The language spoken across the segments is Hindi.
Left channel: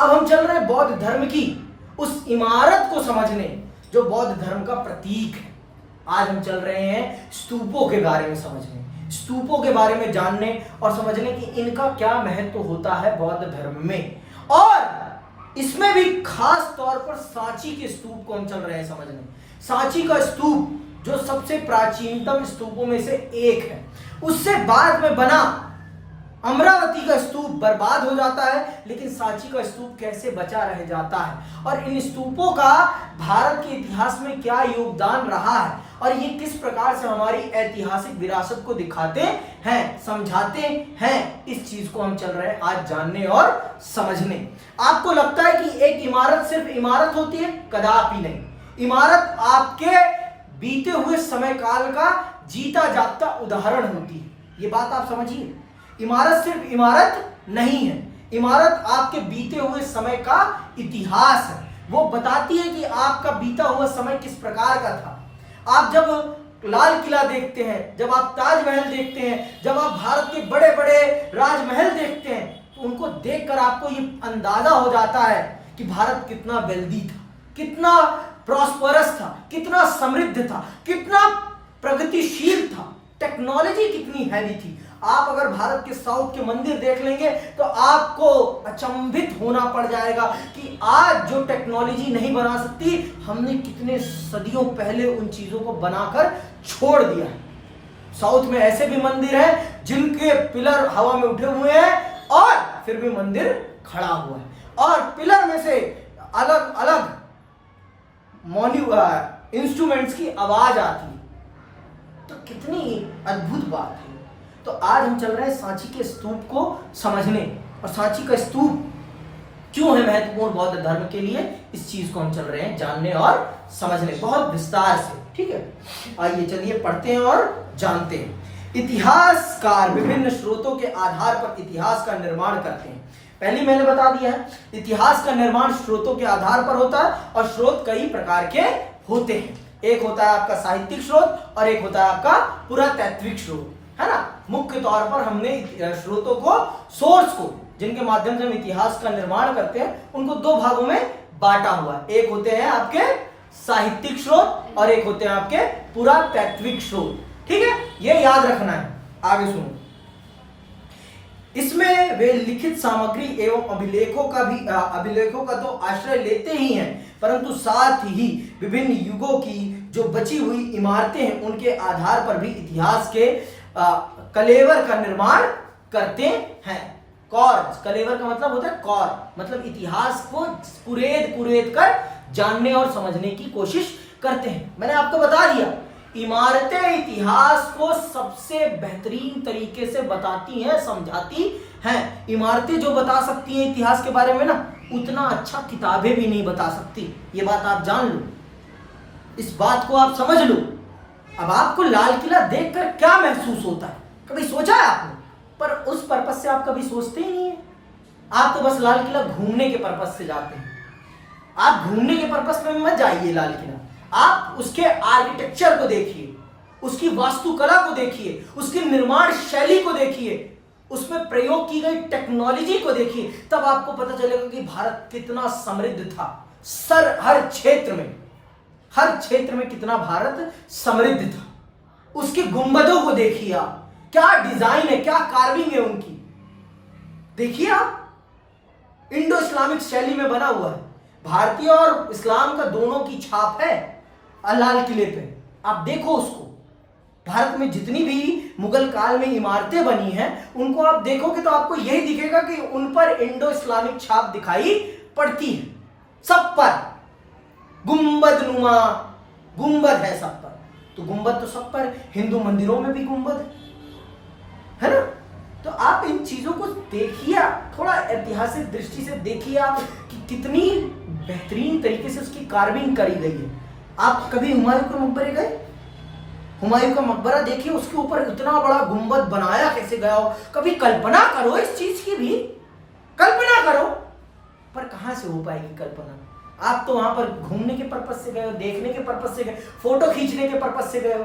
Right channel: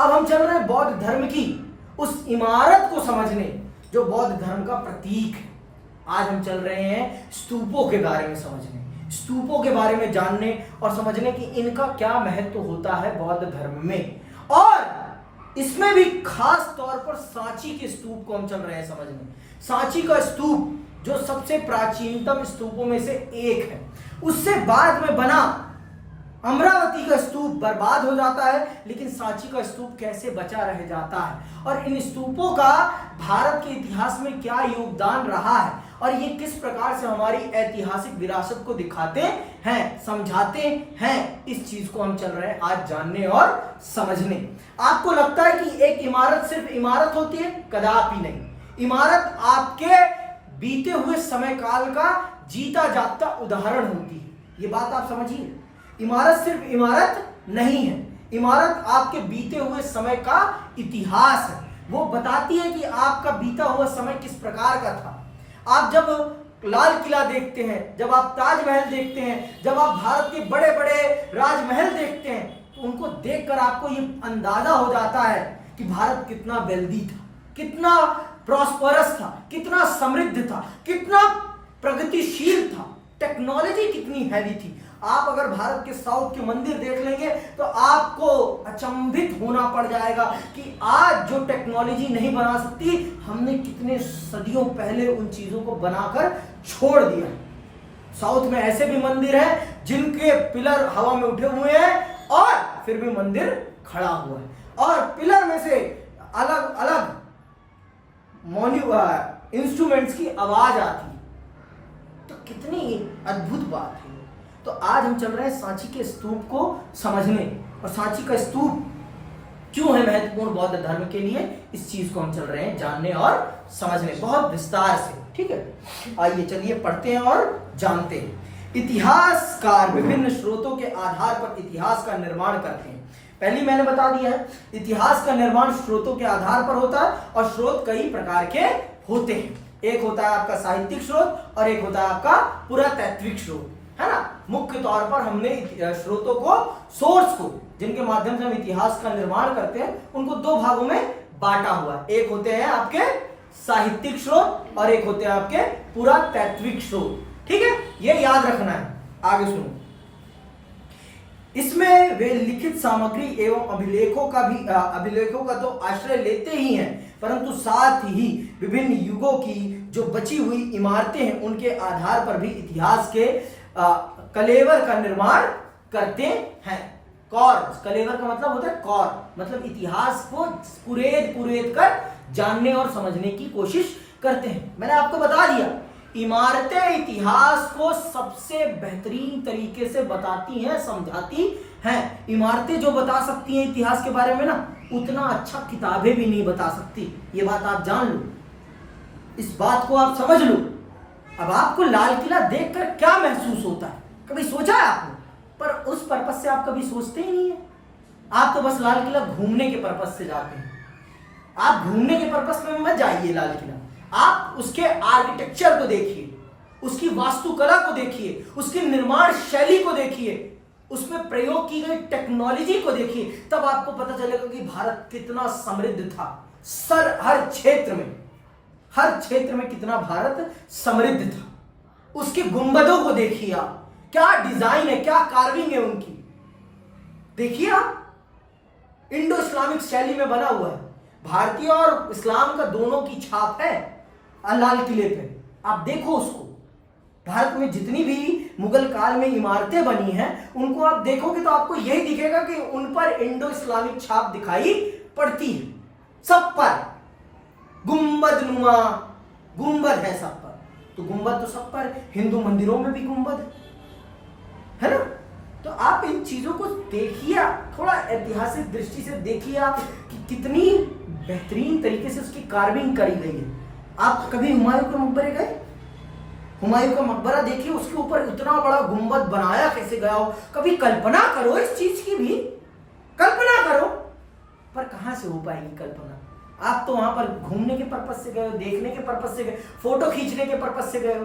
अब हम चल रहे हैं बौद्ध धर्म की उस इमारत को समझने जो बौद्ध धर्म का प्रतीक है। आज हम चल रहे हैं स्तूपों के बारे में समझने, स्तूपों के बारे में जानने और समझने कि इनका क्या महत्व होता है बौद्ध धर्म में। और इसमें भी खास तौर पर सांची के स्तूप को हम चल रहे हैं समझने। सांची का स्तूप जो सबसे प्राचीनतम स्तूपों में से एक है, उससे बाद में बना अमरावती का स्तूप बर्बाद हो जाता है, लेकिन सांची का स्तूप कैसे बचा रह जाता है और इन स्तूपों का भारत के इतिहास में क्या योगदान रहा है और ये किस प्रकार से हमारी ऐतिहासिक विरासत को दिखाते हैं, समझाते हैं, इस चीज को हम चल रहे हैं आज जानने और समझने। आपको लगता है कि एक इमारत सिर्फ इमारत होती है? कदापि नहीं। इमारत आपके बीते हुए समय काल का जीता जागता उदाहरण होती है। ये बात आप समझिए, इमारत सिर्फ इमारत नहीं है, इमारत आपके बीते हुए समय का इतिहास है। वो बताती है कि आपका बीता हुआ समय किस प्रकार का था। आप जब लाल किला देखते हैं, जब आप ताजमहल देखते हैं, जब आप भारत के बड़े बड़े राजमहल देखते हैं, तो उनको देखकर आपको ये अंदाजा हो जाता है कि भारत कितना वेल्दी था, कितना प्रॉस्परस था, कितना समृद्ध था, कितना प्रगतिशील था, टेक्नोलॉजी कितनी हैवी थी। आप अगर भारत के साउथ के मंदिर देख लेंगे तो आपको अचंभित होना पड़ जाएगा कि आज जो टेक्नोलॉजी नहीं बना सकती, हमने कितने सदियों पहले उन चीजों को बनाकर छोड़ दिया है। साउथ में ऐसे भी मंदिर हैं जिनके पिलर हवा में उठे हुए हैं और फिर भी मंदिर खड़ा हुआ है, और पिलर में से अलग अलग इंस्ट्रूमेंट्स की आवाज आती है। तो कितनी अद्भुत बात है। तो आज हम चल रहे हैं सांची के स्तूप को समझने, और सांची का स्तूप क्यों है महत्वपूर्ण बौद्ध धर्म के लिए, इस चीज को हम चल रहे हैं जानने और समझने बहुत विस्तार से। ठीक है, आइए चलिए पढ़ते हैं और जानते हैं। इतिहासकार विभिन्न स्रोतों के आधार पर इतिहास का निर्माण करते हैं। पहले मैंने बता दिया है, इतिहास का निर्माण स्रोतों के आधार पर होता है और स्रोत कई प्रकार के होते हैं। एक होता है आपका साहित्यिक स्रोत और एक होता है आपका पुरातात्विक स्रोत, है ना। मुख्य तौर पर हमने स्रोतों को, सोर्स को, जिनके माध्यम से हम इतिहास का निर्माण करते हैं, उनको दो भागों में बांटा हुआ है। एक होते हैं आपके साहित्यिक स्रोत और एक होते हैं आपके पुरातात्विक स्रोत। ठीक है, ये याद रखना है। आगे सुनो, इसमें वे लिखित सामग्री एवं अभिलेखों का तो आश्रय लेते ही हैं, परंतु साथ ही विभिन्न युगों की जो बची हुई इमारतें हैं उनके आधार पर भी इतिहास के कलेवर का निर्माण करते हैं। कौर, कलेवर का मतलब होता है कौर, मतलब इतिहास को कुरेद कर जानने और समझने की कोशिश करते हैं। मैंने आपको बता दिया, इमारतें इतिहास को सबसे बेहतरीन तरीके से बताती हैं, समझाती हैं। इमारतें जो बता सकती हैं इतिहास के बारे में ना, उतना अच्छा किताबें भी नहीं बता सकती। ये बात आप जान लो, इस बात को आप समझ लो। अब आपको लाल किला देखकर क्या महसूस होता है, कभी सोचा है आपने? पर उस पर्पस से आप कभी सोचते ही नहीं है। आप तो बस लाल किला घूमने के पर्पस से जाते हैं। आप घूमने के पर्पस में मत जाइए लाल किला, आप उसके आर्किटेक्चर को देखिए, उसकी वास्तुकला को देखिए, उसकी निर्माण शैली को देखिए, उसमें प्रयोग की गई टेक्नोलॉजी को देखिए, तब आपको पता चलेगा कि भारत कितना समृद्ध था। हर क्षेत्र में कितना भारत समृद्ध था। उसके गुंबदों को देखिए आप, क्या डिजाइन है, क्या कार्विंग है उनकी, देखिए आप। इंडो इस्लामिक शैली में बना हुआ है, भारतीय और इस्लाम का दोनों की छाप है लाल किले पे। आप देखो उसको, भारत में जितनी भी मुगल काल में इमारतें बनी हैं उनको आप देखोगे तो आपको यही दिखेगा कि उन पर इंडो इस्लामिक छाप दिखाई पड़ती है। सब पर गुंबद नुमा गुंबद है, सब पर। तो गुंबद तो सब पर, हिंदू मंदिरों में भी गुंबद है ना। तो आप इन चीजों को देखिए, थोड़ा ऐतिहासिक दृष्टि से देखिए आप कि कितनी बेहतरीन तरीके से उसकी कार्विंग करी गई है। आप कभी हुमायूं के मकबरे गए? हुमायूं का मकबरा देखिए, उसके ऊपर इतना बड़ा गुंबद बनाया कैसे गया हो। कभी कल्पना करो इस चीज की भी, कल्पना करो। पर कहां से हो पाएगी कल्पना? आप तो वहां पर घूमने के पर्पस से गए हो, देखने के पर्पस से गए, फोटो खींचने के पर्पस से गए हो।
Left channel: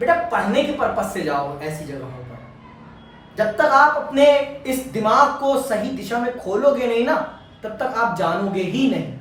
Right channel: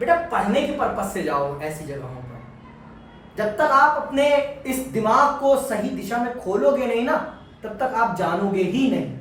बेटा पढ़ने के पर्पस से जाओ ऐसी जगहों पर। जब तक आप अपने इस दिमाग को सही दिशा में खोलोगे नहीं ना, तब तक आप जानोगे ही नहीं।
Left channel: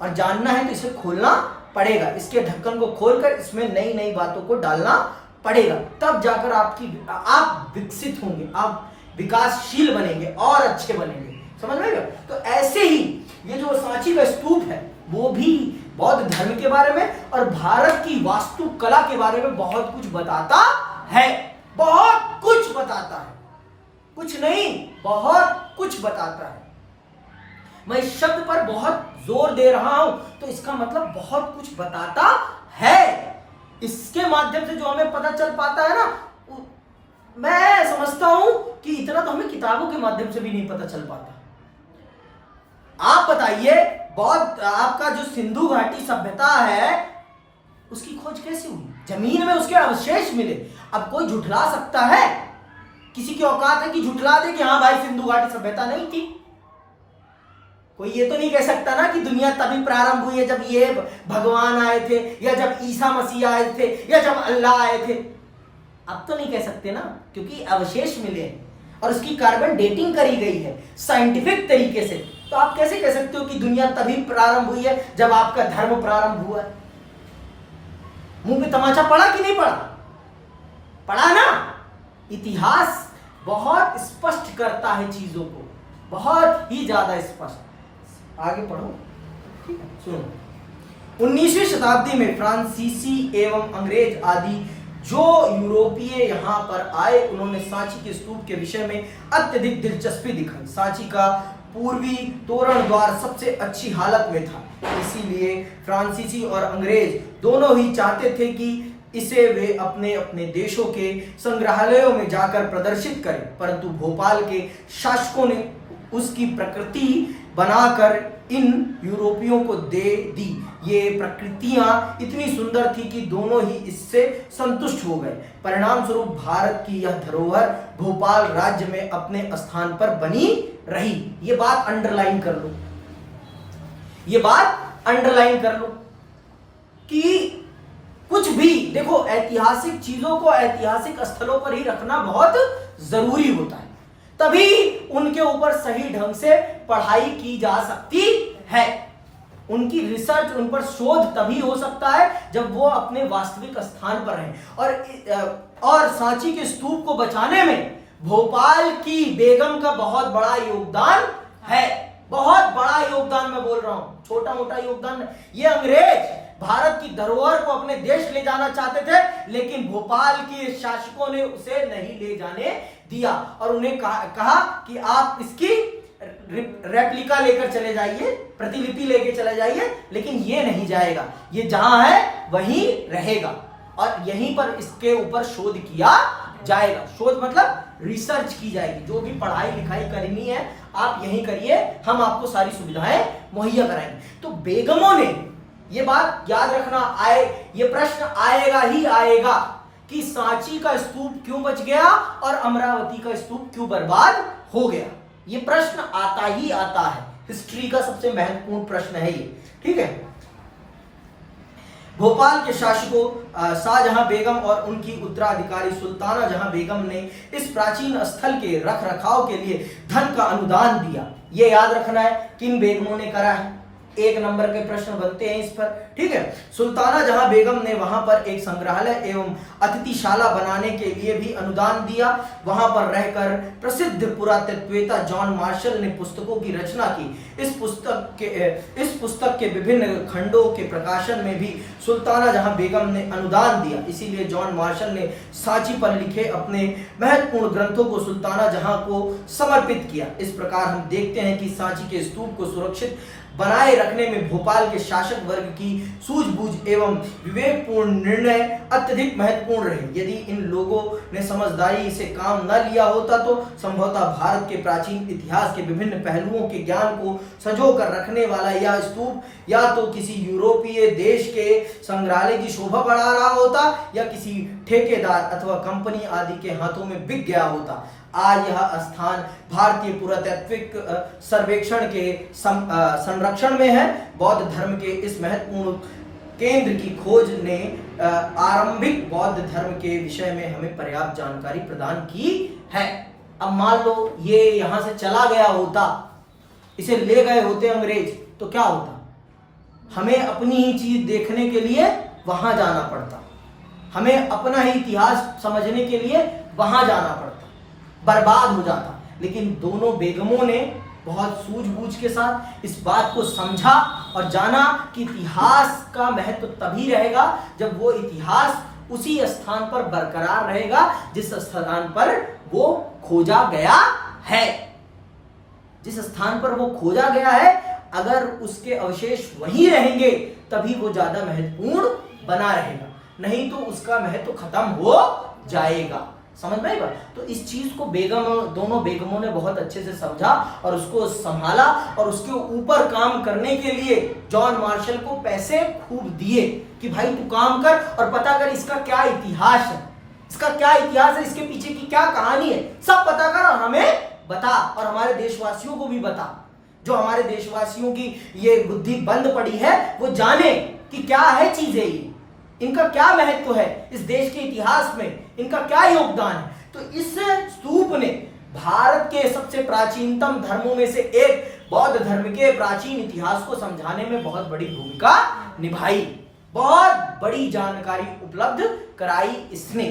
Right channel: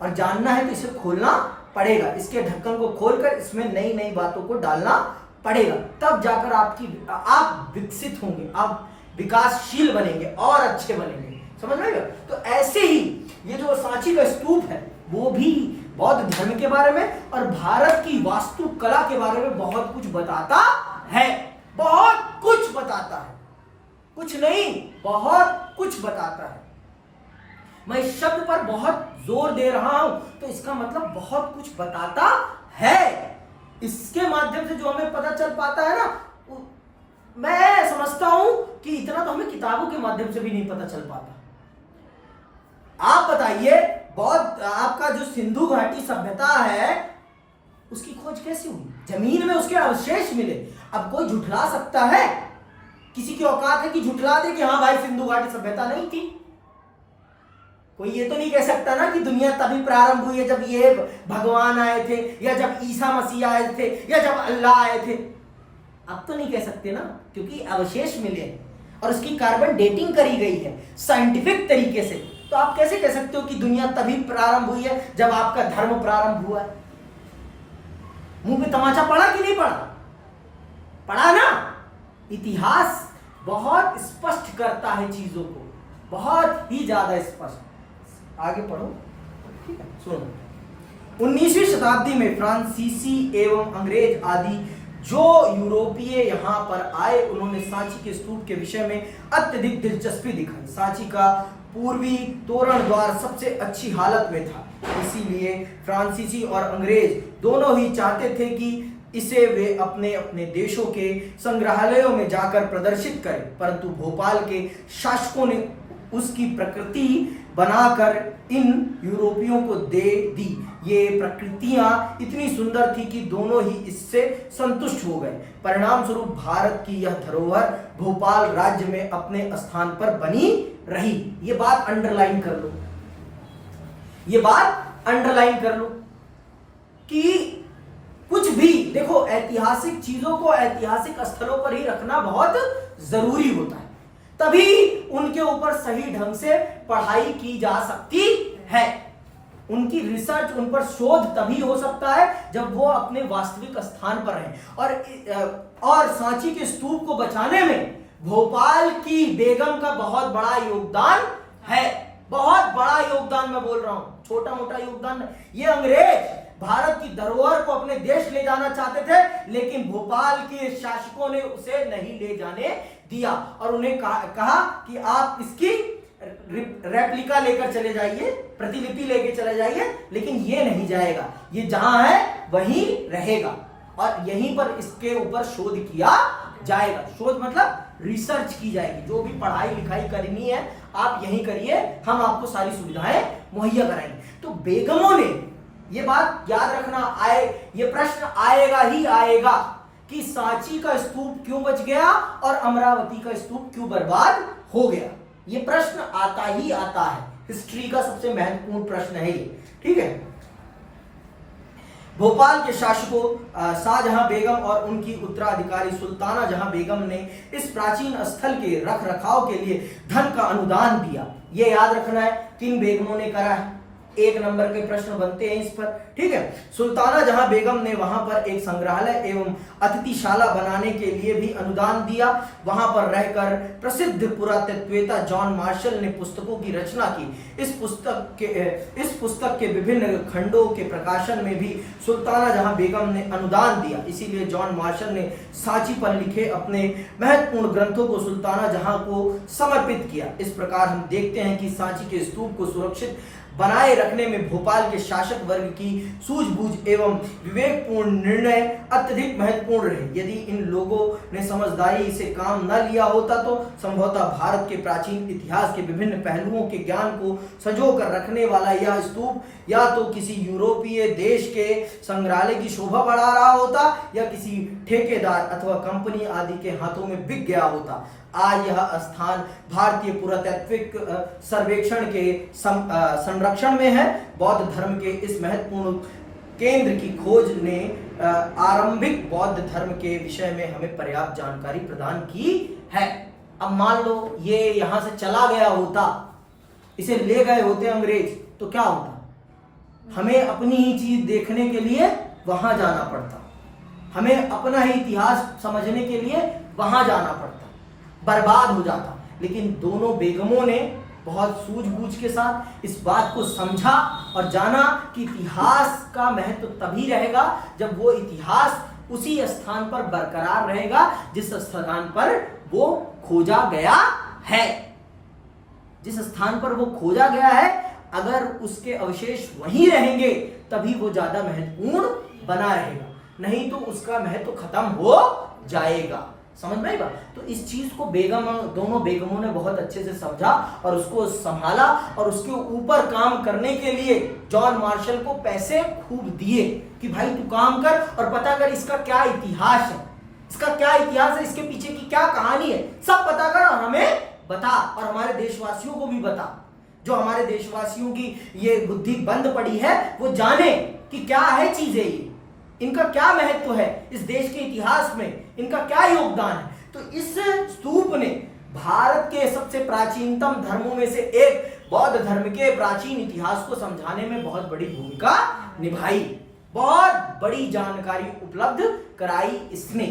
और जानना है तो इसे खोलना पड़ेगा, इसके ढक्कन को खोलकर इसमें नई नई बातों को डालना पड़ेगा, तब जाकर आप विकसित होंगे, आप विकासशील बनेंगे और अच्छे बनेंगे। समझ में आएगा? तो ऐसे ही ये जो सांची का स्तूप है वो भी बौद्ध धर्म के बारे में और भारत की वास्तुकला के बारे में बहुत कुछ बताता है। बहुत कुछ बताता है, कुछ नहीं बहुत कुछ बताता है। मैं इस शब्द पर बहुत जोर दे रहा हूं तो इसका मतलब बहुत कुछ बताता है। इसके माध्यम से जो हमें पता चल पाता है ना, मैं समझता हूं कि इतना तो हमें किताबों के माध्यम से भी नहीं पता चल पाता। आप बताइए, बौद्ध आपका जो सिंधु घाटी सभ्यता है उसकी खोज कैसे हुई? जमीन में उसके अवशेष मिले। अब कोई झुठला सकता है? किसी की औकात है कि झुठला दे कि हाँ भाई सिंधु घाटी सभ्यता नहीं थी? कोई ये तो नहीं कह सकता ना कि दुनिया तभी प्रारंभ हुई है जब ये भगवान आए थे, या जब ईसा मसीह आए थे, या जब अल्लाह आए थे। अब तो नहीं कह सकते ना, क्योंकि अवशेष मिले और उसकी कार्बन डेटिंग करी गई है साइंटिफिक तरीके से। तो आप कैसे कह सकते हो कि दुनिया तभी प्रारंभ हुई है जब आपका धर्म प्रारंभ हुआ है? मुंह पे तमाचा पड़ा कि नहीं पड़ा? पड़ा ना। इतिहास बहुत स्पष्ट करता है चीजों को, बहुत ही ज्यादा स्पष्ट। आगे पढ़ो, ठीक है, सुनो। 19वीं शताब्दी में फ्रांसीसी एवं अंग्रेज आदि जो यूरोपीय यहां पर आए, उन्होंने सांची के स्तूप के विषय में अत्यधिक दिलचस्पी दिखाई। सांची का पूर्वी तोरण द्वार सबसे अच्छी हालत में था, इसीलिए फ्रांसीसी और अंग्रेज दोनों ही चाहते थे कि इसे वे अपने अपने देशों के संग्रहालयों में जाकर प्रदर्शित करें, परंतु भोपाल के शासकों ने उसकी प्रकृति बनाकर इन यूरोपियों को दे दी। ये प्रकृतियां इतनी सुंदर थी कि दोनों ही इससे संतुष्ट हो गए। परिणाम स्वरूप भारत की यह धरोहर भोपाल राज्य में अपने स्थान पर बनी रही। ये बात अंडरलाइन कर लो, ये बात अंडरलाइन कर लो कि कुछ भी देखो, ऐतिहासिक चीजों को ऐतिहासिक स्थलों पर ही रखना बहुत जरूरी होता है, तभी उनके ऊपर सही ढंग से पढ़ाई की जा सकती है। उनकी रिसर्च, उन पर शोध तभी हो सकता है जब वो अपने वास्तविक स्थान पर रहें। और सांची के स्तूप को बचाने में भोपाल की बेगम का बहुत बड़ा योगदान है। बहुत बड़ा योगदान मैं बोल रहा हूं, छोटा मोटा योगदान। ये अंग्रेज भारत की धरोहर को अपने देश ले जाना चाहते थे, लेकिन भोपाल के शासकों ने उसे नहीं ले जाने दिया और उन्हें कहा कि आप इसकी रेप्लिका लेकर चले जाइए, प्रतिलिपि लेकर चले जाइए, लेकिन ये नहीं जाएगा, ये जहां है वहीं रहेगा और यहीं पर इसके ऊपर शोध किया जाएगा। शोध मतलब रिसर्च की जाएगी, जो भी पढ़ाई लिखाई करनी है आप यहीं करिए, हम आपको सारी सुविधाएं मुहैया कराएंगे। तो बेगमों ने ये बात याद रखना, ये प्रश्न आएगा ही आएगा कि सांची का स्तूप क्यों बच गया और अमरावती का स्तूप क्यों बर्बाद हो गया। ये प्रश्न आता ही आता है, हिस्ट्री का सबसे महत्वपूर्ण प्रश्न है ये, ठीक है। भोपाल के शासकों शाहजहां बेगम और उनकी उत्तराधिकारी सुल्ताना जहां बेगम ने इस प्राचीन स्थल के रख रखाव के लिए धन का अनुदान दिया। ये याद रखना है किन बेगमों ने करा है, 1 नंबर के प्रश्न बनते हैं इस पर, ठीक है। सुल्ताना जहां बेगम ने वहां पर एक संग्रहालय एवं अतिथिशाला बनाने के लिए भी अनुदान दिया। वहां पर रहकर प्रसिद्ध पुरातत्ववेत्ता जॉन मार्शल ने पुस्तकों की रचना की। इस पुस्तक के विभिन्न खंडों के प्रकाशन में भी सुल्ताना जहां बेगम ने अनुदान दिया, इसीलिए जॉन मार्शल ने सांची पर लिखे अपने महत्वपूर्ण ग्रंथों को सुल्ताना जहां को समर्पित किया। इस प्रकार हम देखते हैं कि सांची के स्तूप को सुरक्षित बनाए रखने में भोपाल के शासक वर्ग की सूझबूझ एवं विवेकपूर्ण निर्णय अत्यधिक महत्वपूर्ण रहे। यदि इन लोगों ने समझदारी से काम न लिया होता तो संभवतः भारत के प्राचीन इतिहास के विभिन्न पहलुओं के ज्ञान को संजो कर रखने वाला यह स्तूप या तो किसी यूरोपीय देश के संग्रहालय की शोभा बढ़ा रहा होता या किसी ठेकेदार अथवा कंपनी आदि के हाथों में बिक गया होता। आज यह स्थान भारतीय पुरातत्विक सर्वेक्षण के संरक्षण में है। बौद्ध धर्म के इस महत्वपूर्ण केंद्र की खोज ने आरंभिक बौद्ध धर्म के विषय में हमें पर्याप्त जानकारी प्रदान की है। अब मान लो ये यहां से चला गया होता, इसे ले गए होते अंग्रेज तो क्या होता, हमें अपनी ही चीज देखने के लिए वहां जाना पड़ता, हमें अपना ही इतिहास समझने के लिए वहां जाना पड़ता, बर्बाद हो जाता। लेकिन दोनों बेगमों ने बहुत सूझबूझ के साथ इस बात को समझा और जाना कि इतिहास का महत्व तभी रहेगा जब वो इतिहास उसी स्थान पर बरकरार रहेगा जिस स्थान पर वो खोजा गया है। जिस स्थान पर वो खोजा गया है, अगर उसके अवशेष वहीं रहेंगे तभी वो ज्यादा महत्वपूर्ण बना रहेगा, नहीं तो उसका महत्व खत्म हो जाएगा। समझ में आई बात? तो इस चीज को दोनों बेगमों ने बहुत अच्छे से समझा और उसको संभाला और उसके ऊपर काम करने के लिए जॉन मार्शल को पैसे खूब दिए कि भाई तू काम कर और पता कर इसका क्या इतिहास है, इसका क्या इतिहास है, इसके पीछे की क्या कहानी है, सब पता कर और हमें बता और हमारे देशवासियों को भी बता। जो हमारे देशवासियों की ये बुद्धि बंद पड़ी है वो जाने कि क्या है चीजें, ये इनका क्या महत्व है इस देश के इतिहास में, इनका क्या योगदान है। तो इस स्तूप ने भारत के सबसे प्राचीनतम धर्मों में से एक बौद्ध धर्म के प्राचीन इतिहास को समझाने में बहुत बड़ी भूमिका निभाई, बहुत बड़ी जानकारी उपलब्ध कराई इसने।